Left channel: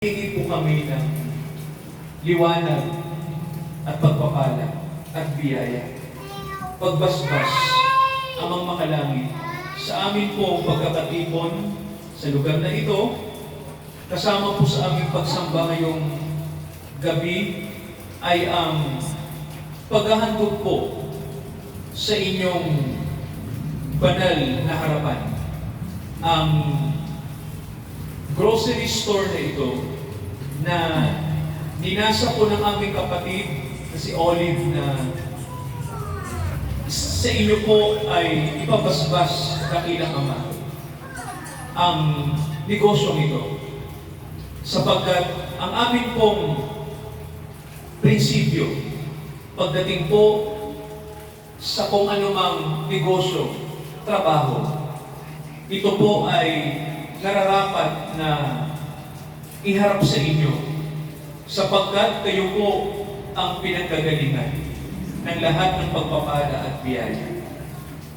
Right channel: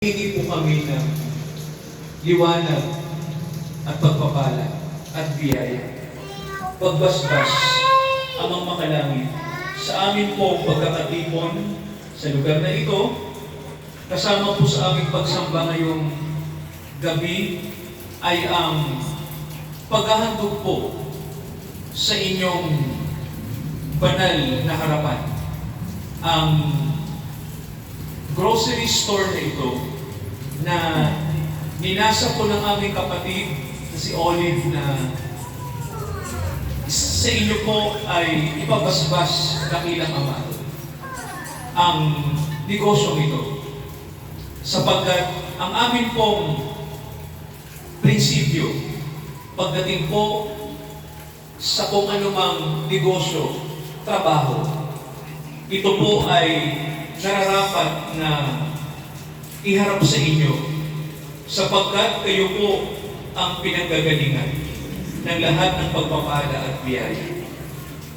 Hingi po kami ng liwanag at pagpapala at biyaya. Pagbasbas, Amang Makalangit, sa amin pong pagkakatipon sa lugar na ito, kasama po sa aming pagsamba ngayong gabi ay ang paghahandog po sa inyong banal na harapan. Ang grocery store na ito na ninasa po ng aming kapatid na si Olive na sa inyo po ay ipabasbas dakilang Ama ang negosyong ito, sapagkat ang amin pong prinsipyo pagdating po sa kung anumang negosyo, trabaho, ito po ay nararapat na iharap sa inyo sapagkat kayo po ang pinanggagalingan ng lahat ng pagpapala at biyaya.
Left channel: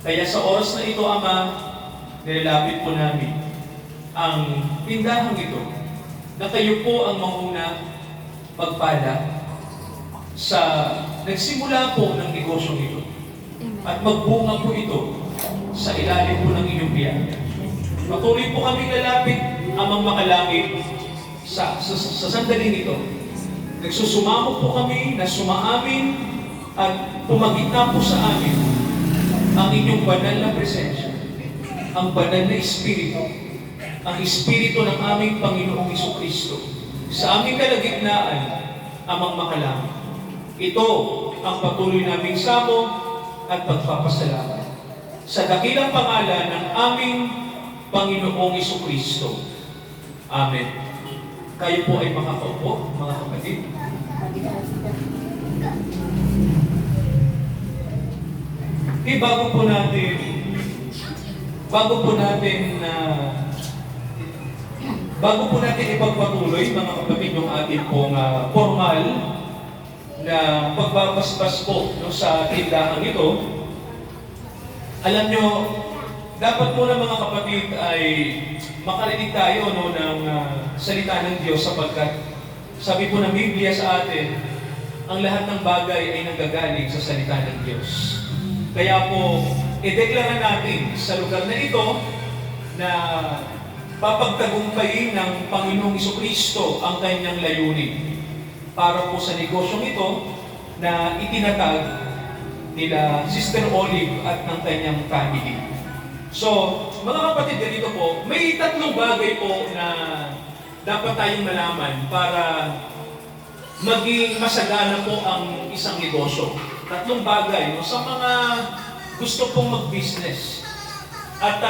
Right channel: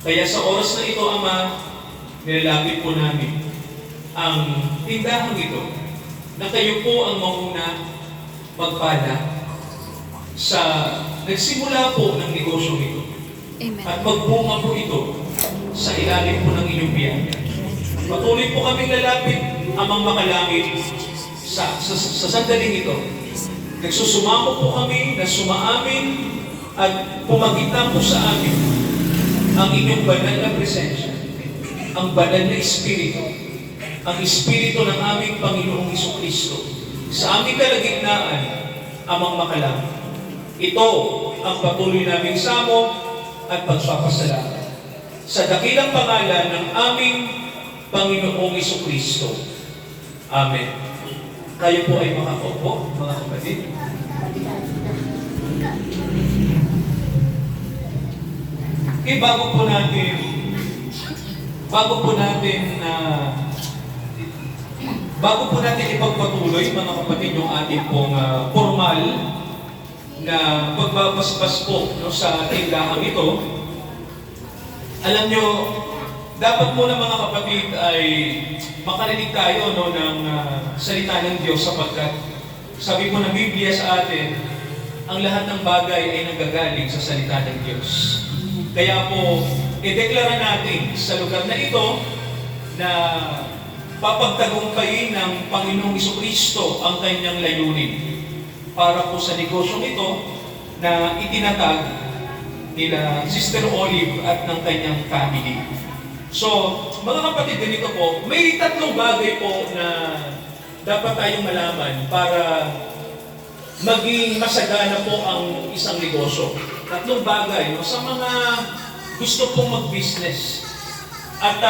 Kaya sa oras na ito, Ama, nilalapit po namin ang tindahang ito na kayo po ang mauna pagpala sa nagsimula po ng negosyong ito. Amen. At magbunga po ito sa ilalim po ng inyong biyaya. Patuloy po kaming lalapit, Amang Makalangit, sa sandaling ito. Nagsusumamo po kami na sumaamin at pumagita po sa amin ang inyong banal na presensya, ang banal na Espiritu, ang Espiritu ng aming Panginoong Jesucristo sa aming kalagitnaan, Amang Makalangit. Ito ang patuloy naming samo at pagpapasalamat sa dakilang pangalan ng aming Panginoong Jesucristo. Amen. Tayo po ay makakaupo, mga kapatid. Okay, bago po natin ipagpatuloy, mga kapatid, yung ating pong formal na pagbabasbas po sa tindahang ito. Alam nyo, dapat po ng mga kapatid ay makarinig tayo ng salita ng Diyos sapagkat sabi po ng Biblia sa atin, ang lahat ng bagay ay nanggagaling sa salita ng Diyos. Kaya po, ideklara natin sa lugar na ito na papagtagumpayin ng Panginoong Jesucristo ang kanyang layunin para po sa negosyong ito na itinatag nila Sister Olive at ng kanyang family. So, mga kapatid, ganito po, may tatlong bagay po na dapat tayong malaman para maging masagana po ang isang negosyo. Tatlong bagay sa mga gusto pong mag-business. At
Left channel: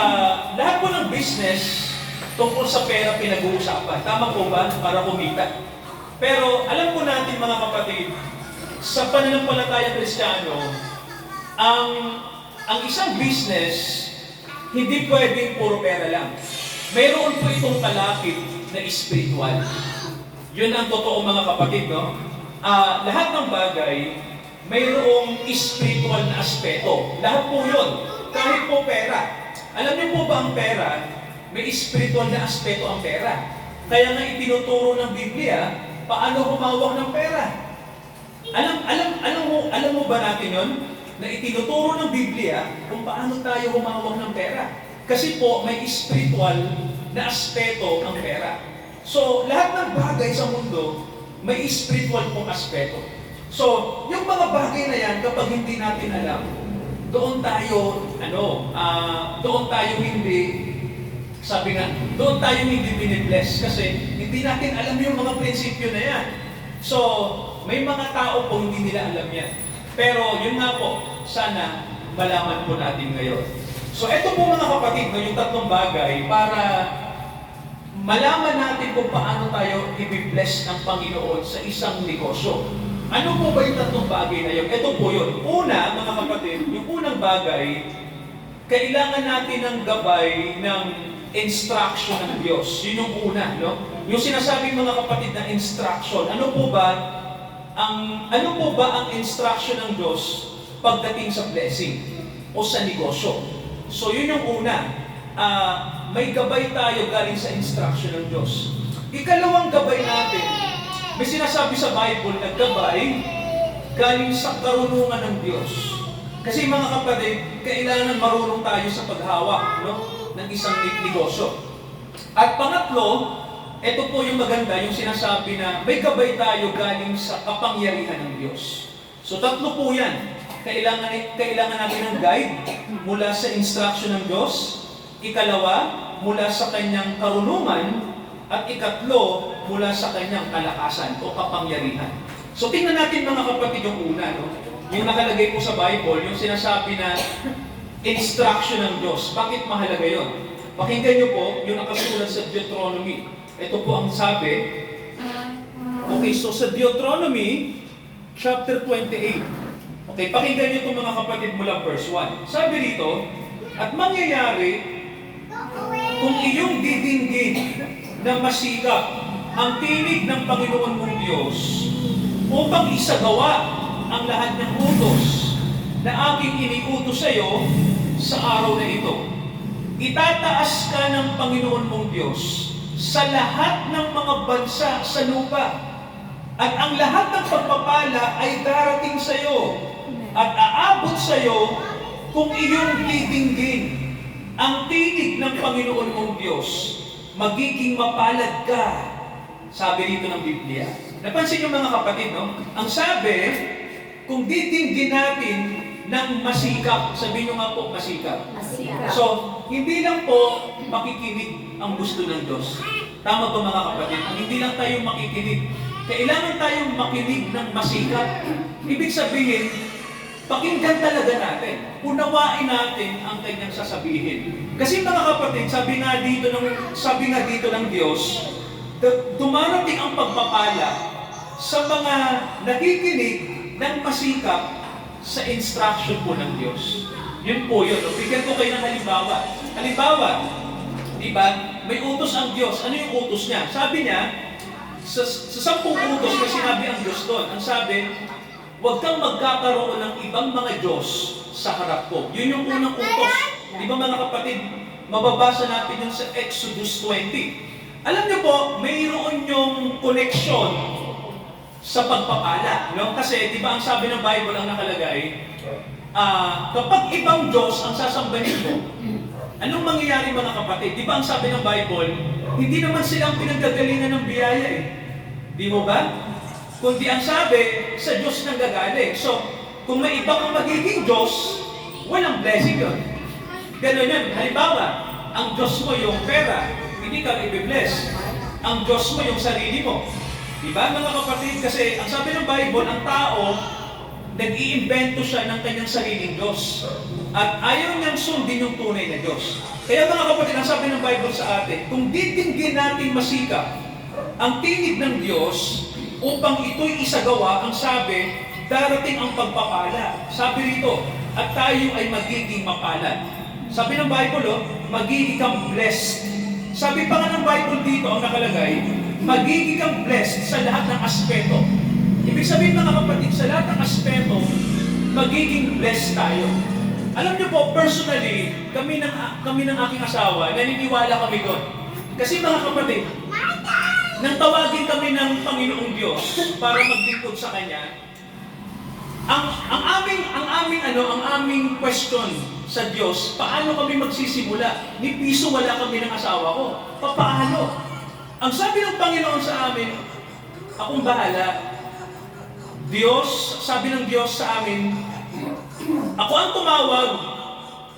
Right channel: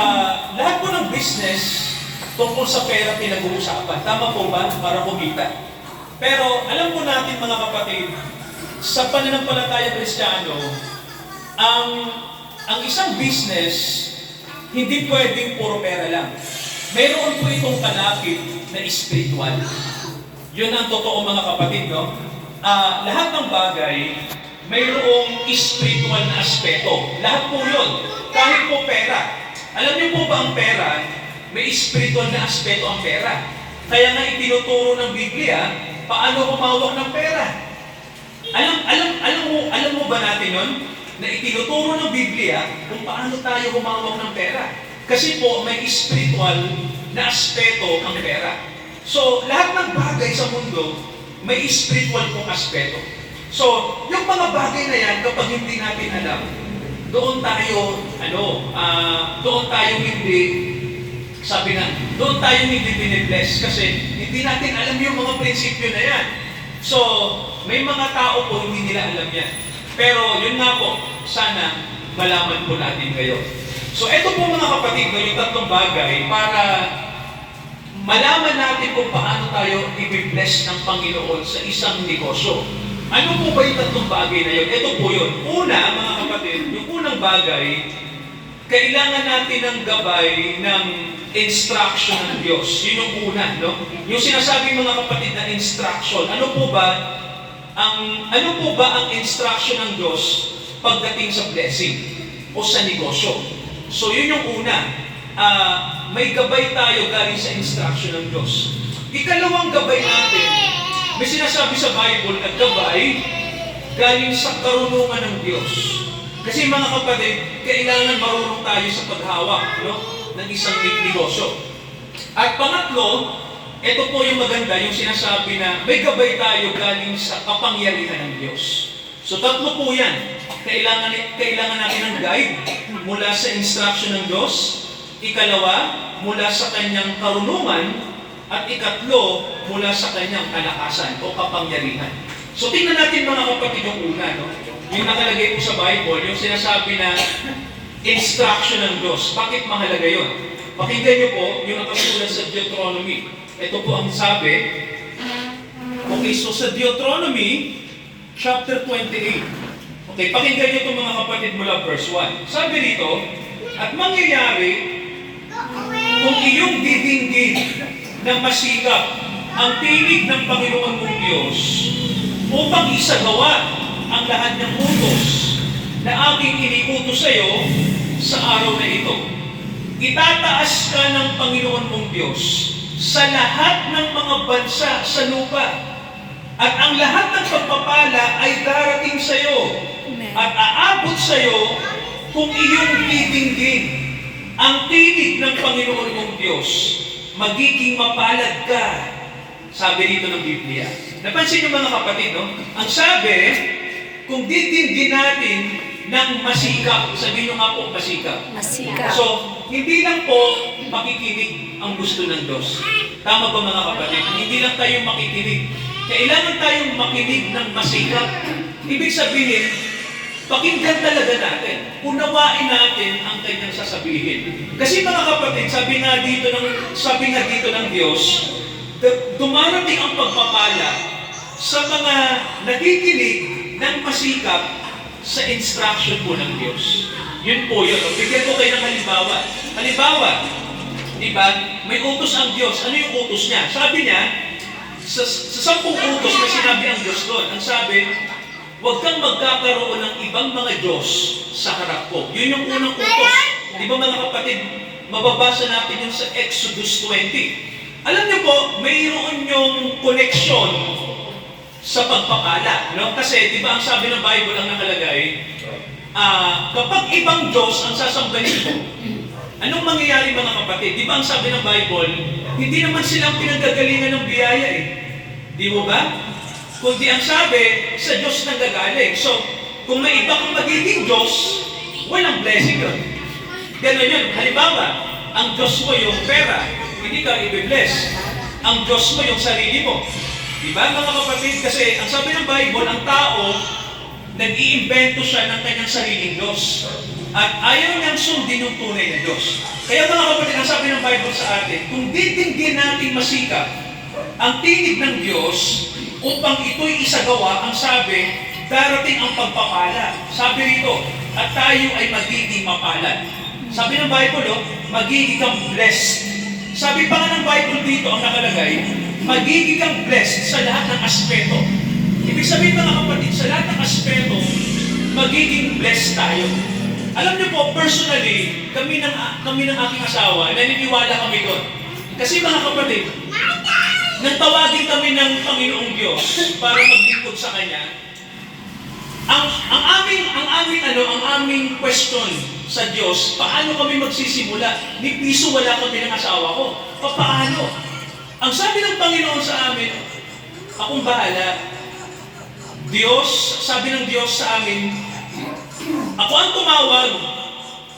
lahat po ng business tungkol sa pera pinag-uusapan. Tama po ba? Para kumita. Pero alam po natin, mga kapatid, sa pananampalataya Kristiyano, ang isang business hindi pwedeng puro pera lang. Mayroon po itong kalapit na spiritual. Yun ang totoo, mga kapatid, no? Lahat ng bagay, mayroong spiritual na aspeto. Lahat po yun. Kahit po pera. Alam niyo po ba ang pera, may spiritual na aspeto ang pera. Kaya nga itinuturo ng Biblia, paano humawak ng pera. Alam mo ba natin yun? Na itinuturo ng Biblia kung paano tayo humawak ng pera. Kasi po, may spiritual na aspeto ang pera. So, lahat ng bagay sa mundo, may spiritual pong aspeto. So, yung mga bagay na yan, kapag hindi natin alam, doon tayo hindi binibless kasi hindi natin alam yung mga prinsipyo na yan. So, may mga tao po hindi nila alam yan. Pero yun nga po, sana malaman po natin ngayon. So ito po, mga kapatid, yung tatlong bagay para malaman natin kung paano tayo i-bless ng Panginoon sa isang negosyo. Ano po ba yung tatlong bagay na yun? Ito po yun. Una, mga kapatid, yung unang bagay, kailangan natin ng gabay ng instruction ng Diyos. Yun yung una, no? Yung sinasabi, mga kapatid, na instruction. Ano po ba ang instruction ng Diyos pagdating sa blessing o sa negosyo? So, yun yung una. May gabay tayo galing sa instruction ng Diyos. Ikalawang gabay natin, may sinasabi sa Bible na gabay galing sa karunungan ng Diyos. Kasi mga kapatid, kailangan marunong tayo sa paghawak, no, ng isang negosyo. At pangatlo, ito po yung maganda, yung sinasabi na may gabay tayo galing sa kapangyarihan ng Diyos. So tatlo po yan. Kailangan natin ng guide mula sa instruction ng Diyos. Ikalawa, mula sa kanyang karunungan. At ikatlo, mula sa kanyang kalakasan o kapangyarihan. So tingnan natin mga kapatid yung una, no? Yung nakalagay po sa Bible, yung sinasabi na instruction ng Diyos. Bakit mahalaga yun? Pakinggan niyo po yung nakasulat sa Deuteronomy. Ito po ang sabi. Okay, so sa Deuteronomy, chapter 28. Okay, pakinggan niyo itong mga kapatid mula verse 1. Sabi rito, at mangyayari kung iyong didinggin ng masikap ang tinig ng Panginoon mong Diyos upang isagawa ang lahat ng utos na aking iniutos sa iyo sa araw na ito. Itataas ka ng Panginoon mong Diyos sa lahat ng mga bansa sa lupa at ang lahat ng pagpapala ay darating sa iyo at aabot sa iyo kung iyong didinggin ang tinig ng Panginoon mong Diyos. Magiging mapalad ka. Sabi dito ng Biblia. Napansin niyo mga kapatid, no? Ang sabi, kung didinggin natin ng masikap, sabihin niyo nga po masikap. Masikap. So, hindi lang po makikinig ang gusto ng Diyos. Tama ba mga kapatid? Hindi lang tayo makikinig. Kailangan tayong makinig ng masikap. Ibig sabihin, pakinggan talaga natin. Unawain natin ang kanyang sasabihin. Kasi mga kapatid, sabi nga dito ng Diyos, dumarating ang pagpapala sa mga nakikinig ng masikap sa instruction po ng Diyos. Yun po yun. Bigyan ko kayo ng halimbawa. Halimbawa, di ba, may utos ang Diyos. Ano yung utos niya? Sabi niya, sa 10 utos na sinabi ang Diyos doon, ang sabi, huwag kang magkakaroon ng ibang mga Diyos sa harap ko. Yun yung unang utos. Di ba mga kapatid, mababasa natin yun sa Exodus 20. Alam niyo po, mayroon yung connection sa pagpapala. No? Kasi, di ba ang sabi ng Bible ang nakalagay, kapag ibang Diyos ang sasambahin mo, anong mangyayari mga kapatid? Di ba ang sabi ng Bible, hindi naman silang pinagagalingan ng biyaya eh. Di mo ba? Kundi ang sabi, sa Diyos nang gagaling. So, kung may iba kang magiging Diyos, walang blessing yun. Ganun yun. Halimbawa, ang Diyos mo yung pera, hindi ka i-bless. Ang Diyos mo yung sarili mo. Diba mga kapatid? Kasi ang sabi ng Bible, ang tao, nag-iimbento siya ng kanyang sariling Diyos. At ayaw niyang sundin yung tunay na Diyos. Kaya mga kapatid, ang sabi ng Bible sa atin, kung ditinggin natin masikap ang tinig ng Diyos, upang ito'y isagawa, ang sabi, darating ang pagpapala. Sabi rito, at tayo ay magiging mapalad. Sabi ng Bible, magiging kang blessed. Sabi pa nga ng Bible dito, ang nakalagay, magiging kang blessed sa lahat ng aspeto. Ibig sabihin mga kapatid, sa lahat ng aspeto, magiging blessed tayo. Alam niyo po, personally, kami ng aking asawa, naniniwala kami doon. Kasi mga kapatid, nang tawagin kami ng Panginoong Diyos para maglingkod sa Kanya, ang aming question sa Diyos, paano kami magsisimula? Ni piso wala kami ng asawa ko. Paano? Ang sabi ng Panginoon sa amin, akong bahala. Diyos, sabi ng Diyos sa amin, ako ang tumawag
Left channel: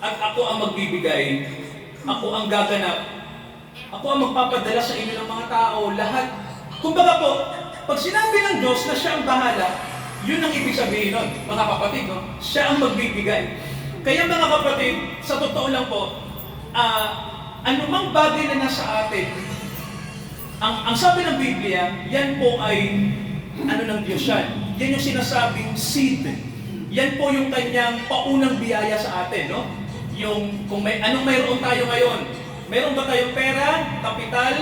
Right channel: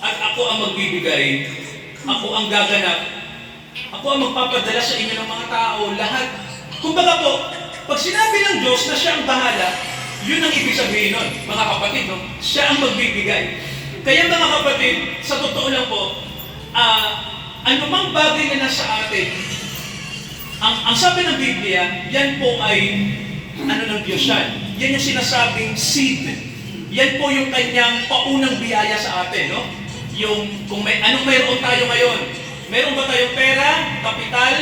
at ako ang magbibigay. Ako ang gaganap. Ako ang magpapadala sa inyo ng mga tao, lahat. Kumbaga po, pag sinabi ng Diyos na siya ang bahala, yun ang ibig sabihin nun, mga kapatid, no? Siya ang magbibigay. Kaya mga kapatid, sa totoo lang po, anumang bagay na nasa atin, ang sabi ng Biblia, yan po ay, ng Diyos yan. Yan yung sinasabing seed. Yan po yung kanyang paunang biyaya sa atin, no? Yung, kung anong mayroon tayo ngayon, meron ba tayong pera, kapital,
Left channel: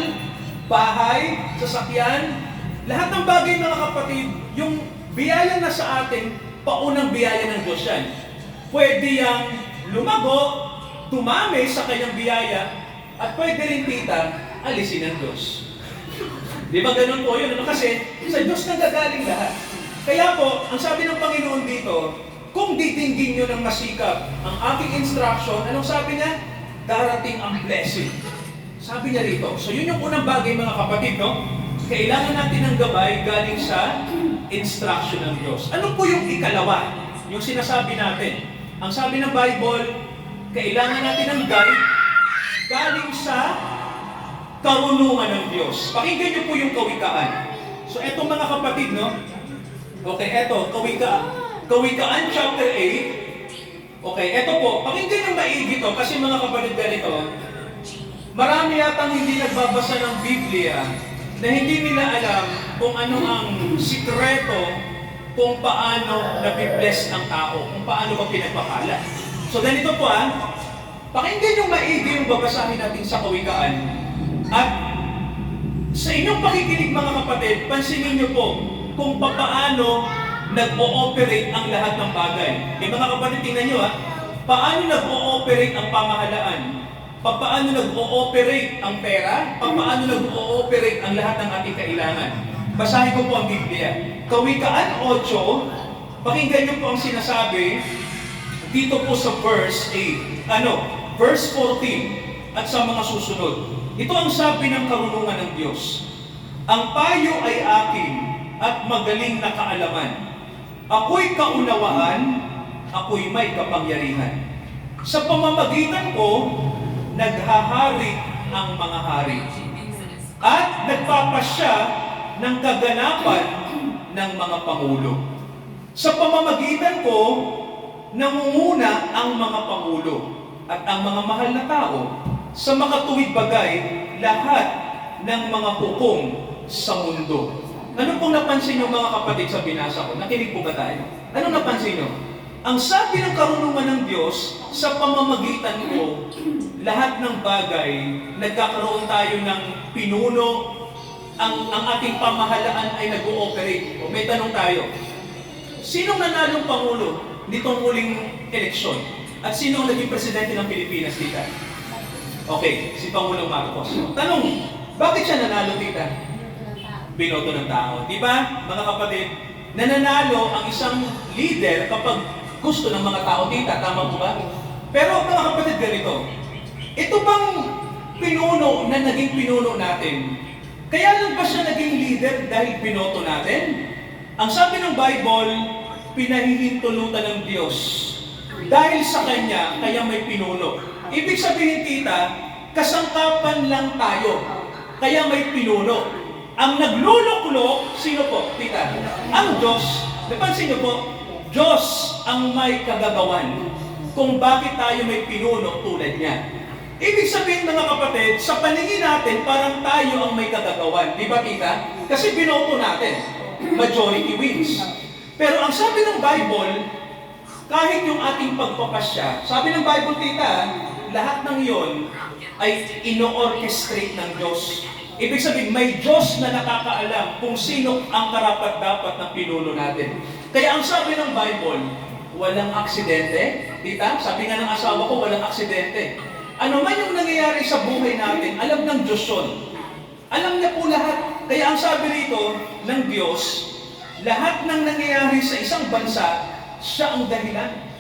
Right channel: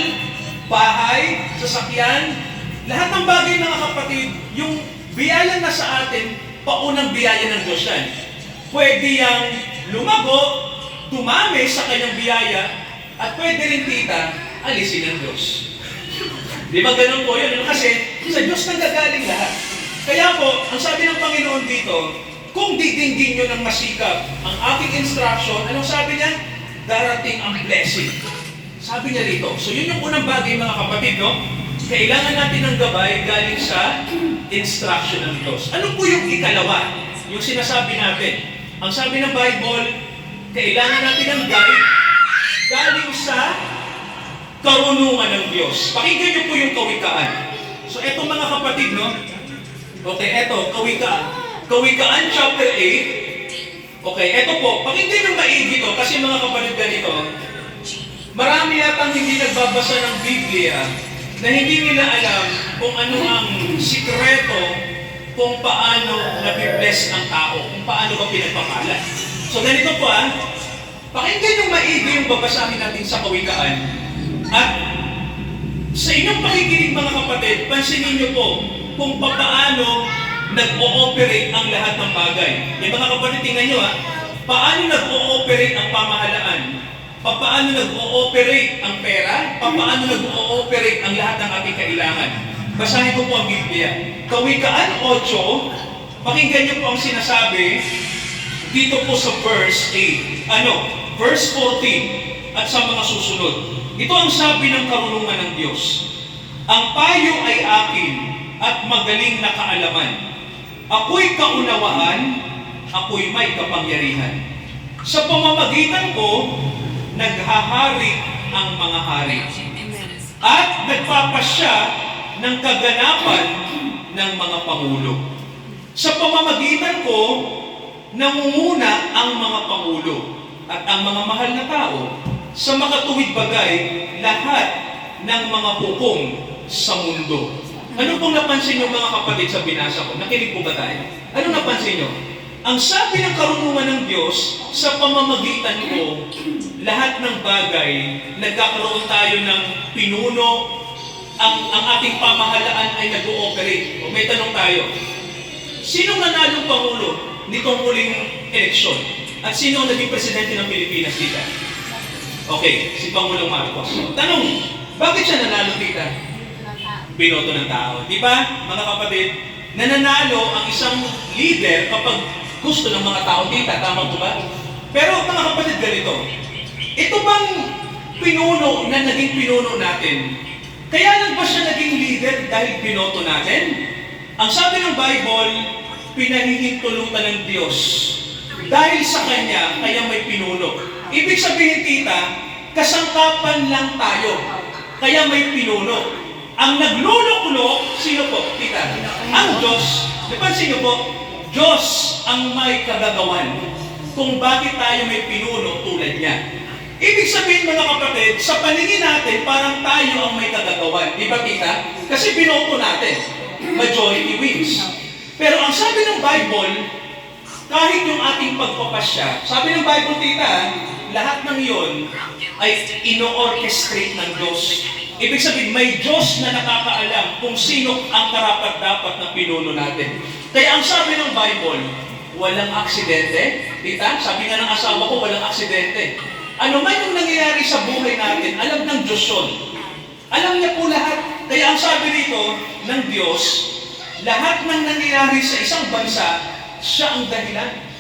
bahay, sasakyan? Lahat ng bagay mga kapatid, yung biyaya na sa atin, paunang biyaya ng Diyos yan. Pwede yang lumago, tumami sa kanyang biyaya, at pwede rin alisin ng Diyos. Di ba ganun po yun? Ano kasi, sa Diyos nanggagaling lahat. Kaya po, ang sabi ng Panginoon dito, kung didinggin nyo ng masikap ang aking instruction, anong sabi niya? Darating ang blessing. Sabi niya rito. So yun yung unang bagay mga kapatid, no? Kailangan natin ng gabay galing sa instruction ng Diyos. Ano po yung ikalawa? Yung sinasabi natin. Ang sabi ng Bible, kailangan natin ng guide galing sa karunungan ng Diyos. Pakinggan niyo po yung kawikaan. So eto mga kapatid, no? Okay, eto, kawikaan. Kawikaan chapter 8. Okay, eto po. Pakinggan niyo maigi to kasi mga kapatid ganito. Marami yatang hindi nagbabasa ng Biblia na hindi nila alam kung ano ang sikreto kung paano nabibless ang tao, kung paano ba pinagpapala. So ganito po pakinggan yung maigi yung babasahin natin sa kawikaan. At sa inyong pakikinig mga kapatid, pansinin niyo po kung paano nag-ooperate ang lahat ng bagay. Mga kapatid, tingnan niyo paano nag-ooperate ang pamahalaan? Paano nag-ooperate ang pera? Paano nag-ooperate ang lahat ng ating kailangan? Basahin ko po ang Biblia. Kawikaan 8, pakinggan niyo po ang sinasabi dito po sa verse 8. Verse 14 at sa mga susunod. Ito ang sabi ng karunungan ng Diyos. Ang payo ay akin at magaling na kaalaman. Ako'y kaunawaan, ako'y may kapangyarihan. Sa pamamagitan ko, naghahari ang mga hari. At nagpapasya ng kaganapan ng mga pangulo. Sa pamamagitan ko, nangunguna ang mga pangulo at ang mga mahal na tao sa makatuwid bagay lahat ng mga hukom sa mundo. Ano pong napansin nyo mga kapatid sa binasa ko? Nakinig po ba tayo? Ano napansin nyo? Ang sabi ng karunungan ng Diyos, sa pamamagitan ko, lahat ng bagay, nagkakaroon tayo ng pinuno, ang ating pamahalaan ay nag-ooperate. O may tanong tayo, sinong nanalong Pangulo nitong huling eleksyon? At sino ang naging presidente ng Pilipinas, tita? Okay, si Pangulong Marcos. Tanong, bakit siya nanalo, tita? Binoto ng tao. Di ba, mga kapatid, nananalo ang isang leader kapag gusto ng mga tao, tita. Tama po ba? Pero mga kapatid, ganito. Ito bang pinuno na naging pinuno natin? Kaya lang ba siya naging leader dahil binoto natin? Ang sabi ng Bible, pinahihintulutan ng Diyos. Dahil sa Kanya, kaya may pinuno. Ibig sabihin, tita, kasangkapan lang tayo. Kaya may pinuno. Ang nagluluklok, sino po, tita? Ang Diyos. Napansin niyo po, Diyos ang may kagagawan kung bakit tayo may pinuno tulad niya. Ibig sabihin mga kapatid, sa paningin natin, parang tayo ang may kagagawan. Di ba, tita? Kasi binoto natin. Majority wins. Pero ang sabi ng Bible, kahit yung ating pagpapasya, sabi ng Bible, tita, lahat ng iyon ay ino-orchestrate ng Diyos. Ibig sabihin, may Diyos na nakakaalam kung sino ang karapat-dapat na pinuno natin. Kaya ang sabi ng Bible, walang aksidente. Tita, sabi nga ng asawa ko, walang aksidente. Ano man yung nangyayari sa buhay natin, alam ng Diyos yun. Alam niya po lahat. Kaya ang sabi rito ng Diyos, lahat ng nangyayari sa isang bansa, siya ang dahilan.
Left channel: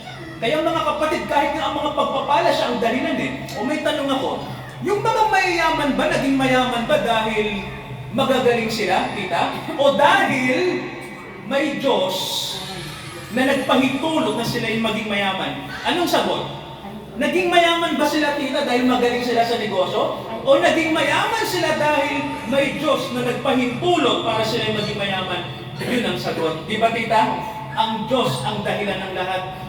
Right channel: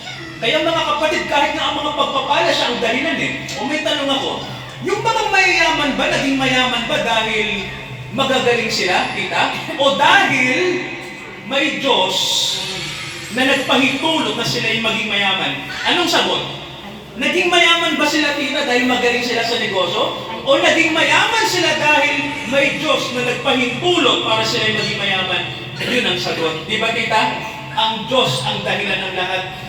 Kaya mga kapatid, kahit nga ang mga pagpapala, siya ang dahilan O may tanong ako, yung mga mayayaman ba, naging mayaman ba dahil magagaling sila, tita? O dahil may Diyos na nagpahintulot na sila yung maging mayaman? Anong sagot? Naging mayaman ba sila, tita, dahil magaling sila sa negosyo? O naging mayaman sila dahil may Diyos na nagpahintulot para sila yung maging mayaman? Yun ang sagot. Di ba, tita? Ang Diyos ang dahilan ng lahat.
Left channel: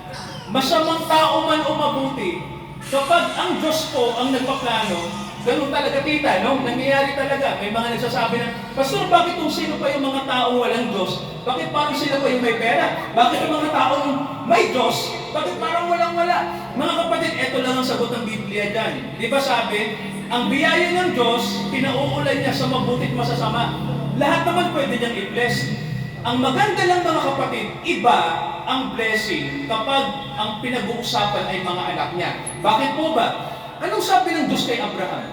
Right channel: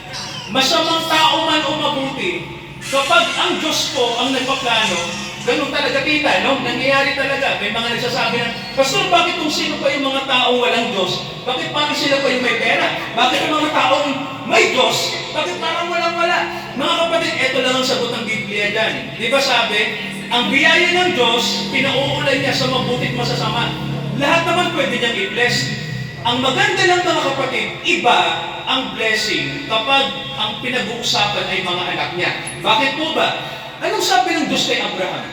Masamang tao man o mabuti, kapag ang Diyos po ang nagpaplano, ganun talaga, tita, no? Nangyayari talaga. May mga nagsasabi na, Pastor, bakit kung sino pa yung mga taong walang Diyos? Bakit parang sila pa yung may pera? Bakit yung mga taong may Diyos? Bakit parang walang-wala? Mga kapatid, ito lang ang sagot ng Biblia dyan. Di ba sabi, ang biyaya ng Diyos, pinauulay niya sa mabuti at masasama. Lahat naman pwede niyang i-bless. Ang maganda lang mga kapatid, iba ang blessing kapag ang pinag-uusapan ay mga anak niya. Bakit po ba? Anong sabi ng Diyos kay Abraham?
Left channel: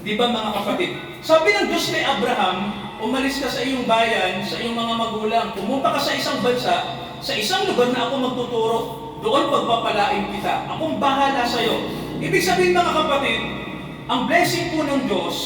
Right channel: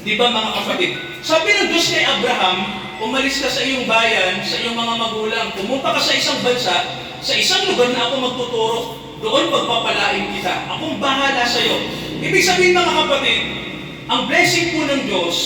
Di ba mga kapatid? Sabi ng Diyos kay Abraham, umalis ka sa iyong bayan, sa iyong mga magulang, pumunta ka sa isang bansa, sa isang lugar na ako magtuturo, doon pagpapalain kita. Akong bahala sa iyo. Ibig sabihin mga kapatid, ang blessing po ng Diyos,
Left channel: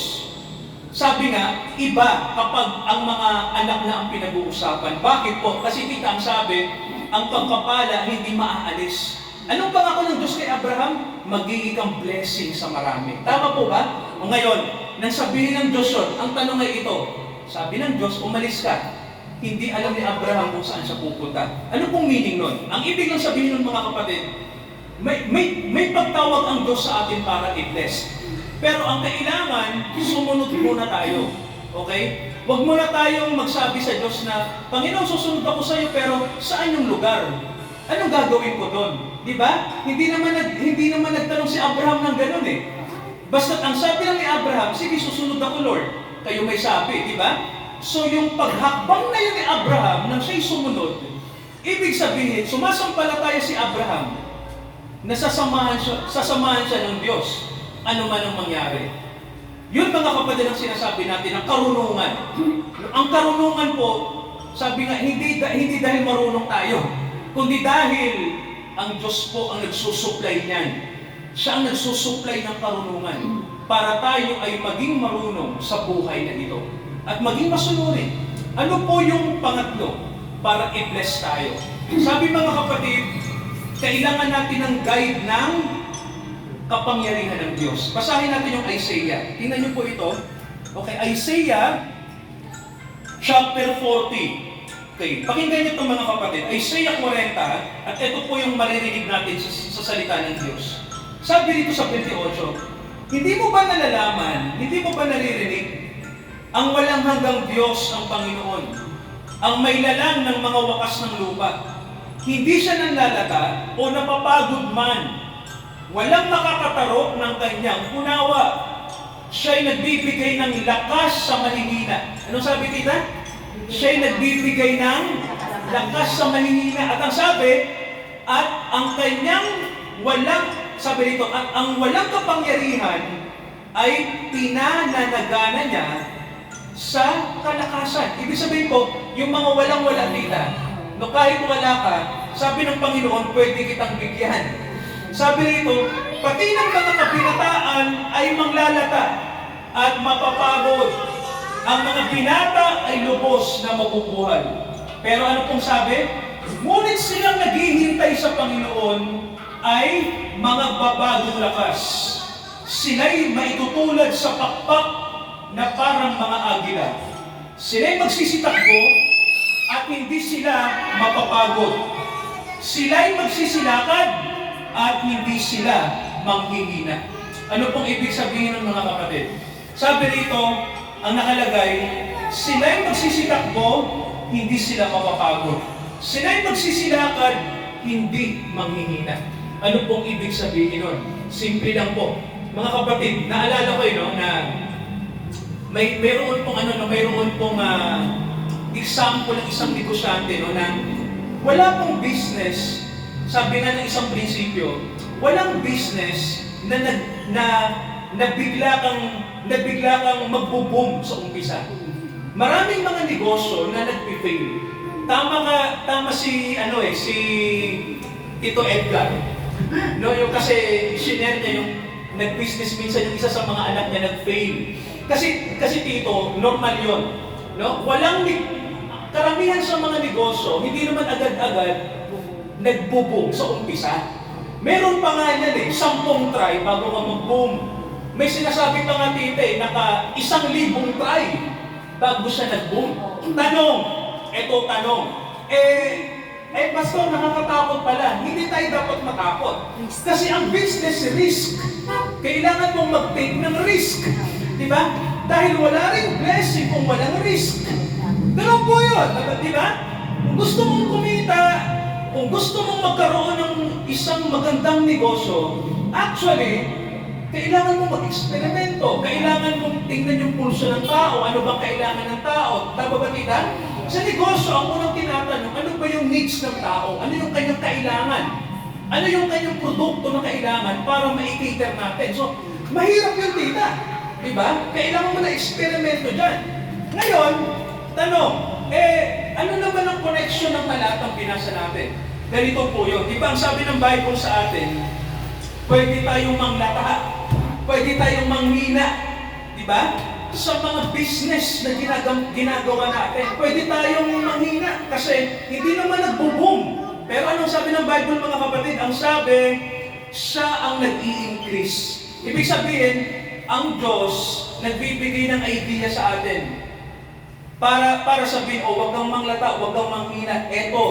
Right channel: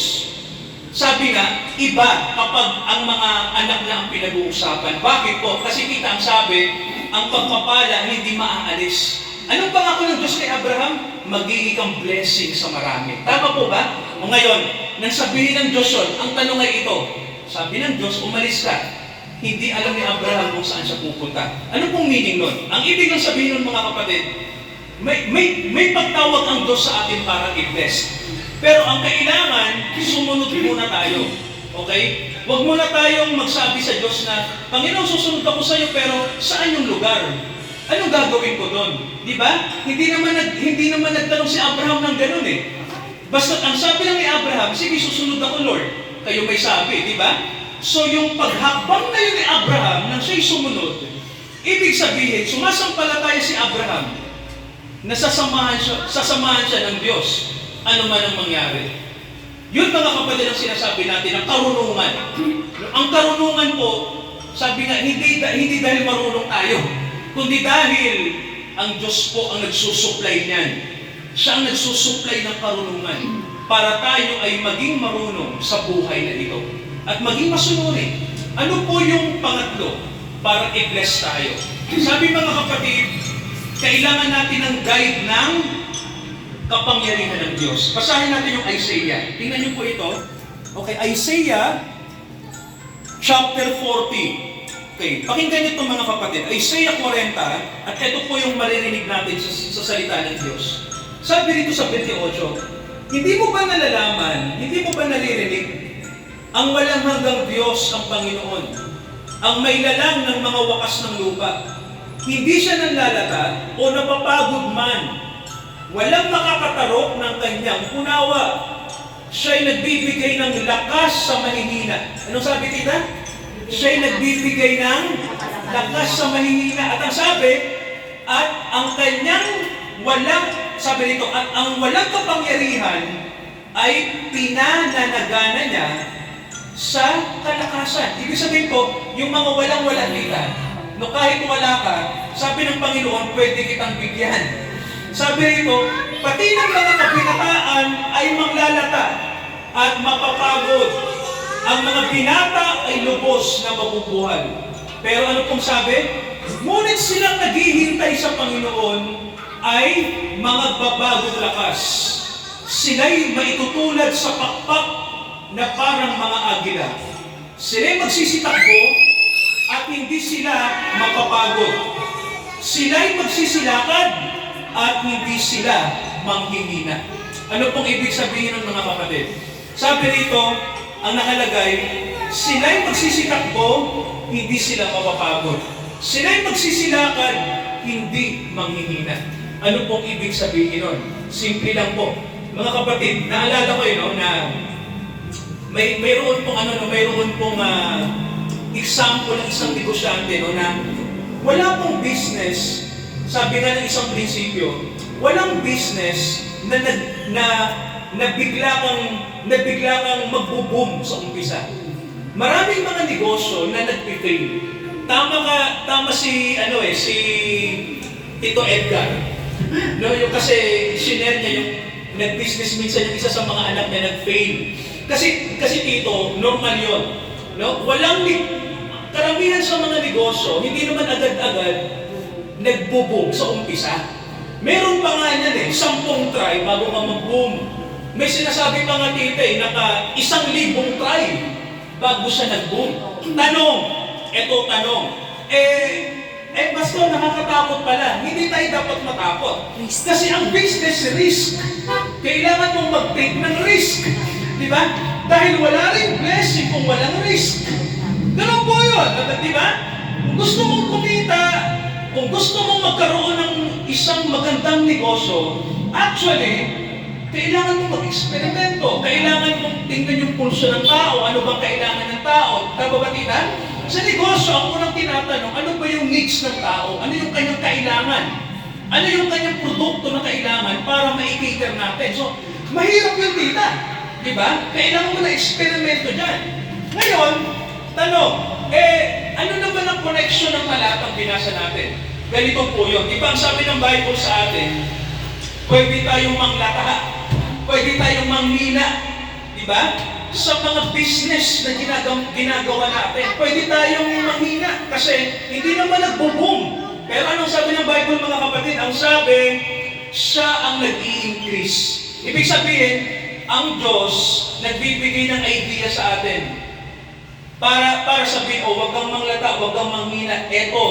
sabi nga, iba kapag ang mga anak na ang pinag-uusapan. Bakit po? Kasi kita ang sabi, ang pagpapala hindi maaalis. Anong pangako ng Diyos kay Abraham? Magiging kang blessing sa marami. Tama po ba? O ngayon, nang sabihin ng Diyos yun, ang tanong ay ito. Sabi ng Diyos, umalis ka. Hindi alam ni Abraham kung saan siya pupunta. Ano pong meaning nun? Ang ibig ng sabihin nun mga kapatid, may pagtawag ang Diyos sa atin para i-bless. Pero ang kailangan, sumunod muna tayo. Okay? Huwag muna tayong magsabi sa Diyos na, Panginoon, susunod ako sa iyo, pero saan yung lugar? Anong gagawin ko doon? Di ba? Hindi naman nagtanong si Abraham ng ganun eh. Basta ang sabi lang ni Abraham, sige, susunod ako, Lord. Kayo may sabi, di ba? So yung paghakbang na yun ni Abraham nang siya'y sumunod, ibig sabihin, sumasampalataya si Abraham na sasamahan siya ng Diyos. Ano man ang mangyari. Yun mga kapatid ang sinasabi natin, ang karunungan. Ang karunungan po, sabi nga, hindi dahil marunong tayo, kundi dahil ang Diyos po ang nagsusupply niyan. Siya ang nagsusupply ng karunungan para tayo ay maging marunong sa buhay na ito. At maging masunurin. Ano po yung pangatlo para i-bless tayo? Sabi mga kapatid, kailangan natin ng guide ng kapangyarihan ng Diyos. Basahin natin yung Isaiah. Tingnan niyo po ito. Okay, Isaiah chapter 40. Okay, pakinggan niyo ito mga kapatid. Isaiah 40, at ito po yung maririnig natin sa salita ng Diyos. Sabi dito sa 28, hindi mo ba nalalaman, hindi mo ba naririnig, ang walang hanggang Diyos ang Panginoon, ang may lalang ng mga wakas ng lupa. Hindi siya nanlalata o napapagod man. Walang makakatarok ng kanyang unawa. Siya'y nagbibigay ng lakas sa mahihina. Anong sabi tita? Siya'y nagbibigay ng lakas sa mahihina. At ang sabi, at ang kanyang sabi dito, at ang walang kapangyarihan ay pinananagana niya sa kalakasan. Ibig sabihin po, yung mga walang-wala nila, no kahit wala ka, sabi ng Panginoon, pwede kitang bigyan. Sabi rito, pati ng mga kabinataan ay manglalata at mapapagod. Ang mga binata ay lubos na mabubuhay. Pero ano pong sabi? Ngunit silang naghihintay sa Panginoon ay mga babagong lakas. Sila'y maitutulad sa pakpak na parang mga agila. Sila'y magsisitakbo at hindi sila mapapagod. Sila'y magsisilakad at hindi sila manghihina. Ano pong ibig sabihin ng mga kapatid? Sabi rito, ang nakalagay, sila'y magsisitakbo, hindi sila mapapagod. Sila'y magsisilakad, hindi manghihina. Ano pong ibig sabihin nun? Simple lang po. Mga kapatid, naalala ko yun, na mayroon pong example ng isang negosyante na wala pong business, sabi nga ng isang prinsipyo, walang business na bigla kang magbo-boom sa umpisa. Maraming mga negosyo na nagpi-fail. Tama si Tito Edgar. No, yung kasi share niya yung nag-business minsan yung isa sa mga anak niya nag-fail. Kasi Tito, normal yun. No? Karamihan sa mga negosyo, hindi naman agad-agad nagbo-boom sa umpisa. Meron pa nga yan 10 try bago ka mag-boom. May sinasabi pa nga tita naka 1,000 try bago siya nag-boom. Tanong. Pastor, nakakatakot pala. Hindi tayo dapat matakot. Kasi ang business risk. Kailangan mong mag-take ng risk. Di ba? Dahil wala rin blessing kung walang risk. Ganun po yun. Di ba? Kung gusto mong kumita, kung gusto mong magkaroon ng isang magandang negosyo, actually, kailangan mong mag-eksperimento. Kailangan mong tingnan yung pulso ng tao. Ano bang kailangan ng tao? Tama ba tita? Sa negosyo, ang unang tinatanong, ano ba yung needs ng tao? Ano yung kanyang kailangan? Ano yung kanyang produkto na kailangan para ma-cater natin? So, mahirap yun tita. Diba? Kailangan mo na eksperimento dyan. Ngayon, tanong, ano naman ang connection ng talatang binasa natin? Ganito po yun. Di ba ang sabi ng Bible sa atin, pwede tayong manglataha, pwede tayong manghina, di ba? Sa mga business na ginagawa natin, pwede tayong manghina kasi hindi naman nagbo-boom. Pero anong sabi ng Bible mga kapatid? Ang sabi, siya ang nag-i-increase. Ibig sabihin, ang Diyos nagbibigay ng idea sa atin. Para sabihin, wag kang manglata, wag kang manghina. Eto,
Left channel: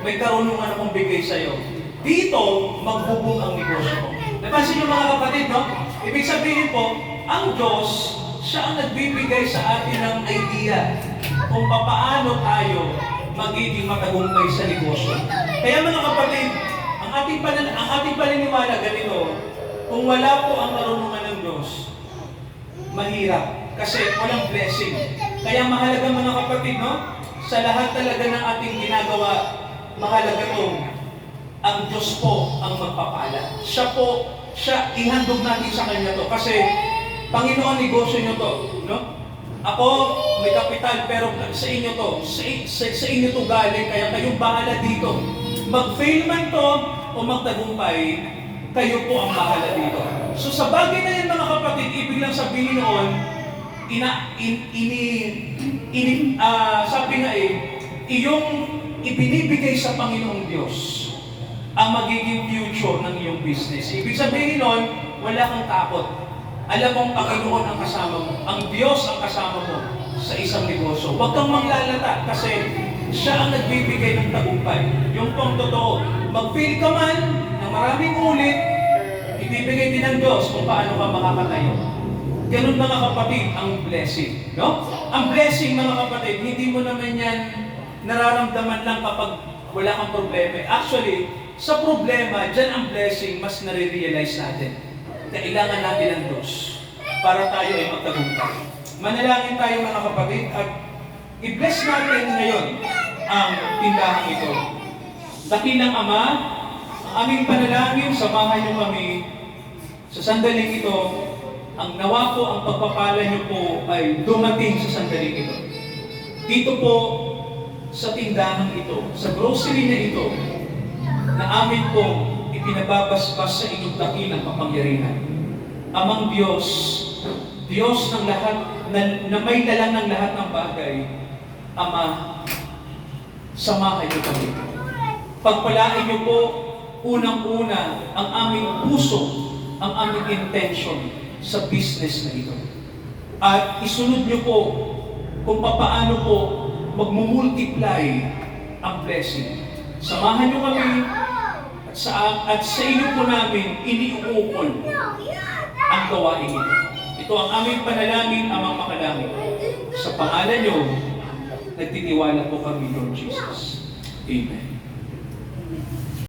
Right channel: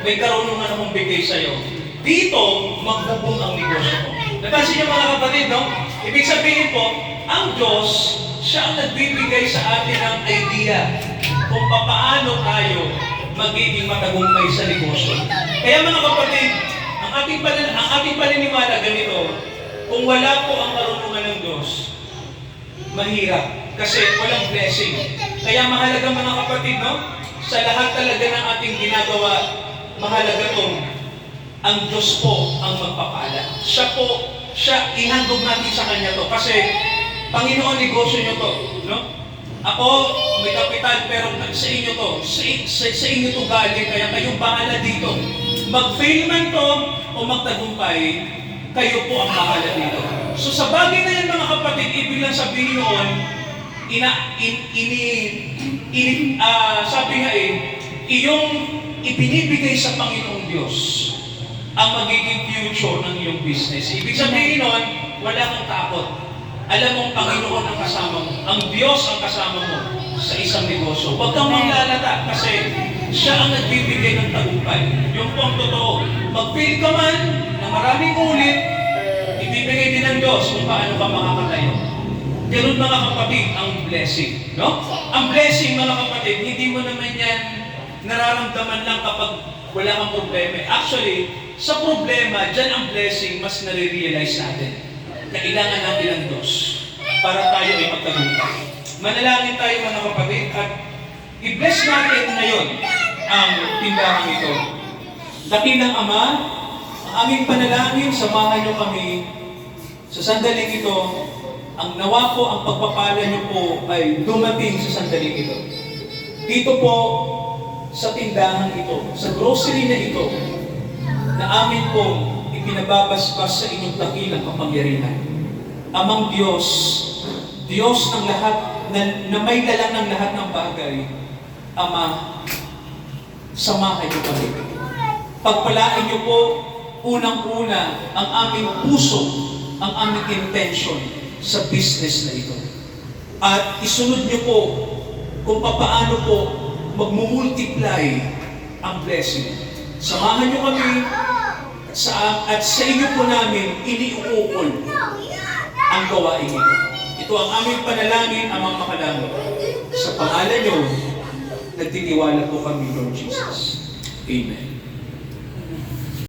may karunungan akong bigay sa'yo. Dito, magbubong ang negosyo mo. Napansin niyo mga kapatid, no? Ibig sabihin po, ang Diyos, siya ang nagbibigay sa atin ng idea kung paano tayo magiging matagumpay sa negosyo. Kaya mga kapatid, ang ating paniniwala ganito, kung wala po ang karunungan ng Diyos, mahirap kasi walang blessing. Kaya mahalaga mga kapatid, no? Sa lahat talaga ng ating ginagawa, mahalaga itong ang Diyos po ang magpapala. Siya, ihandog natin sa Kanya to. Kasi, Panginoon, negosyo nyo to. No? Ako, may kapital, pero sa inyo to. Sa inyo to galing, kaya kayong bahala dito. Mag-fail man to, o magtagumpay, kayo po ang bahala dito. So sa bagay na yan mga kapatid, ibig lang sabihin noon, sabi nga iyong ibinibigay sa Panginoong Diyos ang magiging future ng iyong business. Ibig sabihin nun, wala kang takot. Alam mo ang Panginoon ang kasama mo. Ang Diyos ang kasama mo sa isang negosyo. Huwag kang manglalata kasi siya ang nagbibigay ng tagumpay. Yung po ang totoo. Mag-fail ka man na maraming ulit, ibibigay din ng Diyos kung paano ka makakatayo. Ganun mga kapatid, ang blessing. No? Ang blessing mga kapatid, hindi mo naman yan nararamdaman lang kapag wala kang problema. Actually, sa problema, dyan ang blessing mas nare-realize natin. Kailangan natin ng Diyos para tayo ay magtagumpay. Manalangin tayo mga kapatid at i-bless natin ngayon ang tindahan ito. Dakilang Ama, ang aming panalangin, samahan niyo kami sa sandaling ito. Ang nawa po, ang pagpapala niyo po ay dumating sa sandaling ito. Dito po sa tindahan ito, sa grocery na ito, na amin po ipinababasbas sa inyong dakilang kapangyarihan. Amang Diyos, Diyos ng lahat, na may dalang ng lahat ng bagay, Ama, samahan niyo kami. Pagpalain niyo po, unang-una, ang aming puso, ang aming intention sa business na ito. At isunod niyo po kung paano po magmumultiply ang blessing. Samahan niyo kami at sa inyo po namin iniuukol ang gawain ito. Ito ang aming panalangin, Amang Makadangit. Sa pangalan niyo, nagtitiwala po kami, Lord Jesus. Amen.